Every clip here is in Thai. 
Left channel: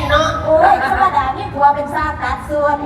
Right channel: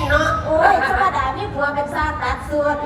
นเนาะโอ้ยธรรมดามีผัวเป็นสร้างตัดส่วน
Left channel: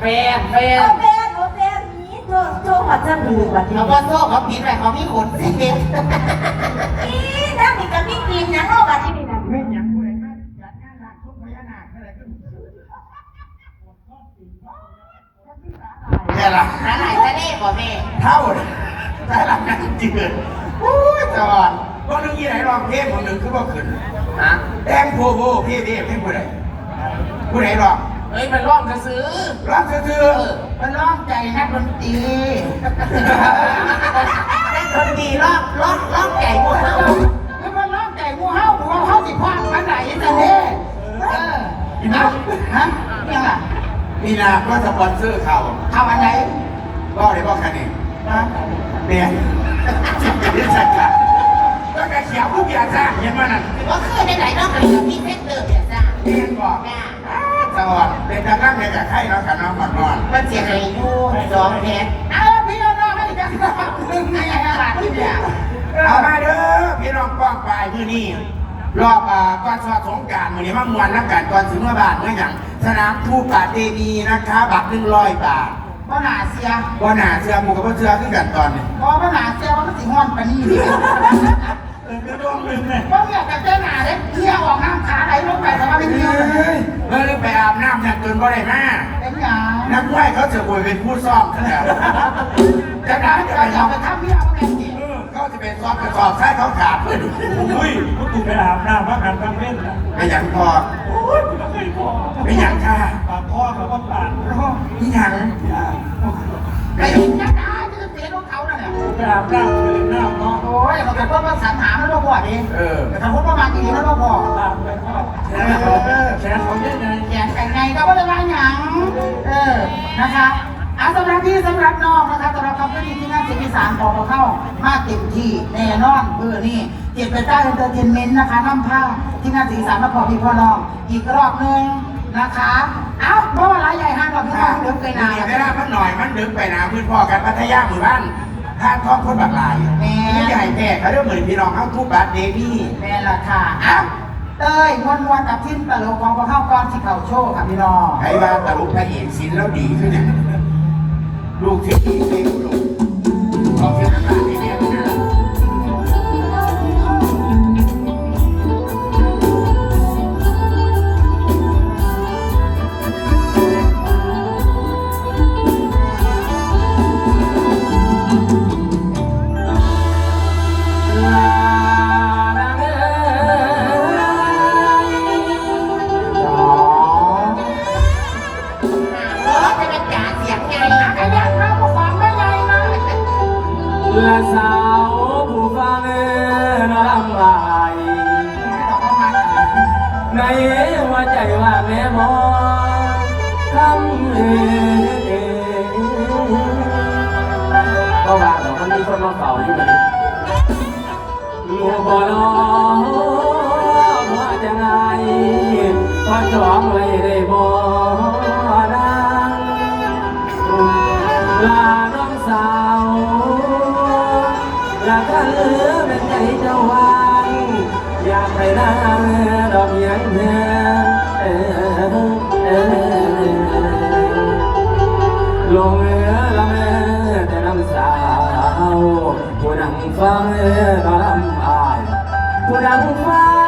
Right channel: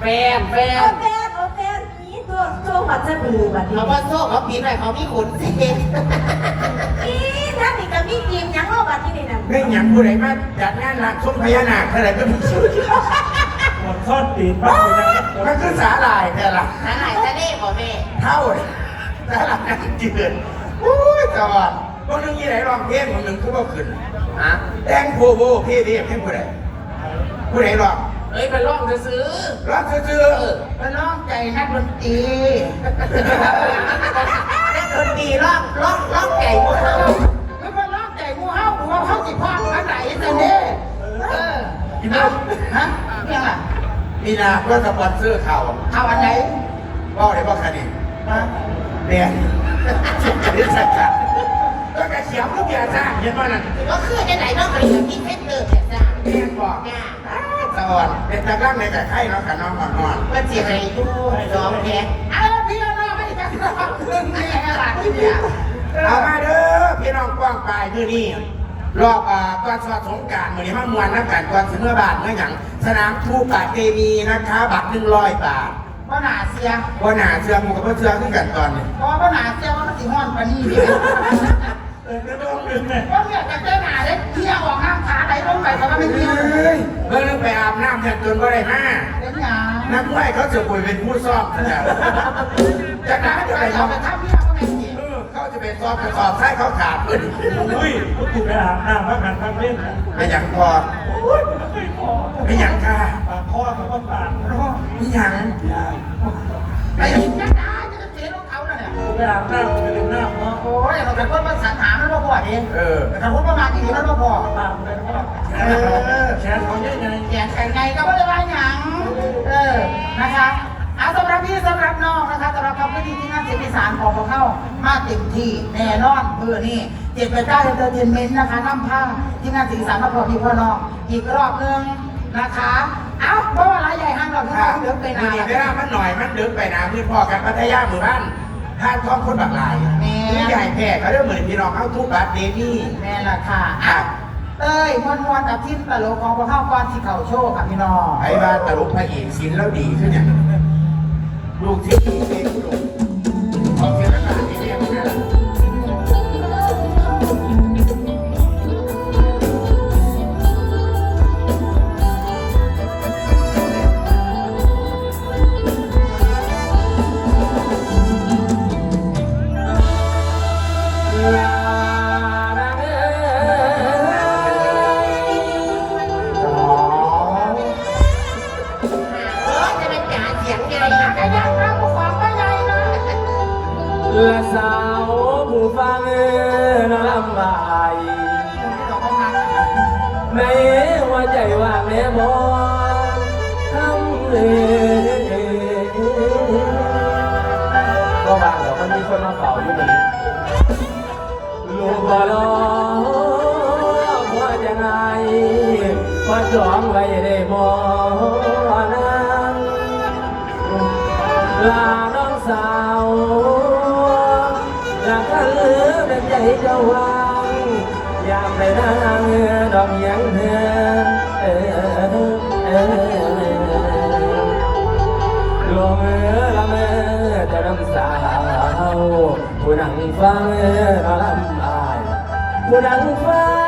แฟนแฟโอนแฟนโอแฟนนี้ตัวตัวหัวจะดื้อแบบนี้เขาว่าโซ่เขาผิดอะไรเขามีขนสิเป็นอีนั่นนี่ก็มีกินยังเอาแบบนี้นี่นะไม่หยังผู้ใดมาจัดงานหลักสมพญานาคเท่าไหร่ก็มีชื่อหมดซ่อนตีนบ้างเลยนะมันคือสาหร่ายแต่ละนั่นไหนจะได้ก่อแม่เท่าได้หลักงานจริงๆเลยอุ้ยจอดพวกนี้ยี่ไหนลองเพลงของหนึ่งคือว่าขึ้น ฮะแดงโพโบพี่พี่ให้ผู้ใดผู้ใดลองเฮ้ยเป็นร่องจะซื้อรับซื้อมันร้องใจนักดนตรีนักดนตรีร้องร้องร้องใจงูเห่าไม่ว่าร้องใจงูเห่าหรือว่าเขาสิคว้างอันไหนกันเด้เออเอาฮะเนี่ยล่ะมีนาก็สปอนเซอร์ข่าวเอาอันไหนก็ได้ก็แค่นี้นะเนี่ยจะได้สักการก็แต่ เขียวผู้เบียร์จ้างเห็นมั้ยนั่นว่าคือในไหนน้องเลยมีเพชรเดิมเนี่ยจ้ะเห็นบอกสวัสดีเป็นการนั่งในแต่ไข่เนาะกับน้องก่อนก่อนมันเสียให้ดูสองแผลเอาพี่น้องให้จังหนึ่งแม่ละที่เนี่ยเอามาเด้อพี่น้องกว้างไปคือนี่รอบก่อนสอดสงการวันนี้มามวนนักการก่อนถึงเมื่อบาทเมื่อหยังสนามทูปาเตมีนะคะบัตรหนึ่งร้อยบาทว่าหนาเสียว่าหนาเสื้อหมูกับเสื้อขึ้นกันตอนนี้ว่าหนาเสียว่ามันสิงห้อนปานนี้ดิ เออไม่ต้องลืมเนี่ยว่าเนี่ยแต่เจ้าหนาเนี่ยเที่ยวออกน้ำขาไหลลงไปแต่ว่าไม่เที่ยวเฮ้ยเมื่อไปอาบน้ำแทนจนว่าได้มาเป็นหยังนักมวยเขาจะป่วยเป็นผู้ซ่อมนะจะได้จะไปไปลองทำไปทำเที่ยวแม่จริงเขาจะเป็นซ่อมกระสอบใช้เขาขาดเลยอุ้ยกูถูกไปอาบน้ำพักหันทำเล่นนะไม่หยังพอโอ้ยกูไม่เคยขอไม่หยังค่ะปากพ่อกับว่าปากร้องไม่หยังไปเห็นจ้าหนาจะเสียรองเขาเนี่ยกูไปอาบน้ำ ไปเล่นน้ำเนาะโอ้ยเราจะพูดภาษาหาไม่รู้พอดิเออแต่ถ้าพูดประมาณนี้ไม่รู้พอปากเป็นพ่อแขนเขาแขนเขาเนี่ยไงเขียนแต่ไงก็ไม่ได้ว่าหยังเออนะคะอาสำหรับพี่สำหรับน้องนะคะสำหรับคำพูดที่น่าจะมีสารของเข้ามาเต็มที่แน่นอนเบื่อนี่เจ็ดไปใต้เอนเตอร์เทนเมนต์นะคะน้ำผ้าที่น่าสีสารมาพอพี่พ่อน้องอีกรอบนึงนะคะเอ้าบ่รายใหญ่ห้างรอบที่ถ้าห้างเดี๋ยวไปเวนาลามันหน่อยมันเดินไปนะมือพ่อกันพัทยาหมู่บ้านท่านท้องคนบักลาย นี่ใหญ่แม่เขาเริ่มเหมือนพี่น้องเข้าทุกบัตรเดมี่แม่ละค่ะอะเต้ยมวนมวนกับทีมตลกของพระเข้าก้อนสิเขาโชว์กับพี่น้องไอ้ว่าตลกพระเอกศิลป์แล้วดีขึ้นเนี่ยลูกที่ ละสาวผู้ฟังน้อลำลายในหัวใจว่าแม่มองทำเองก็ว่าเรามันมีคนมาเฝ้าอยู่นี่ลูกบ่รอหัวจะไงพอจองไว้ได้บ่นางลา ดอกยังแห้งเออเออลงเออละเมอแต่ลำสาวผู้นั่งฟังเออมาลำอายผู้นั่งฟัง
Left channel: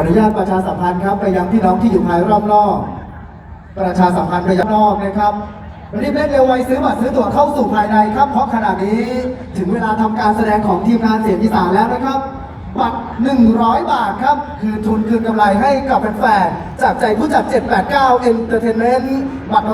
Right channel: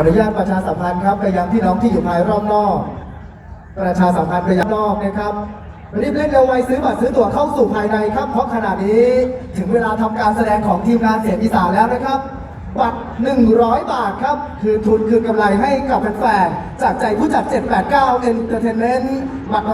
ขออนุญาตประชาสัมพันธ์ครับไปยังพี่น้องที่อยู่ภายรอบนอกประชาสัมพันธ์ไปยังนอกนะครับรีบเล่นเร็วไวซื้อบัตรซื้อตั๋วเข้าสู่ภายในครับ เพราะขณะนี้ถึงเวลาทำการแสดงของทีมงานเสียงอีสานแล้วนะครับ บัตร 100 บาทครับ คือทุนคือกำไรให้กับแฟนๆจากใจผู้จัด 789 Entertainment บัตร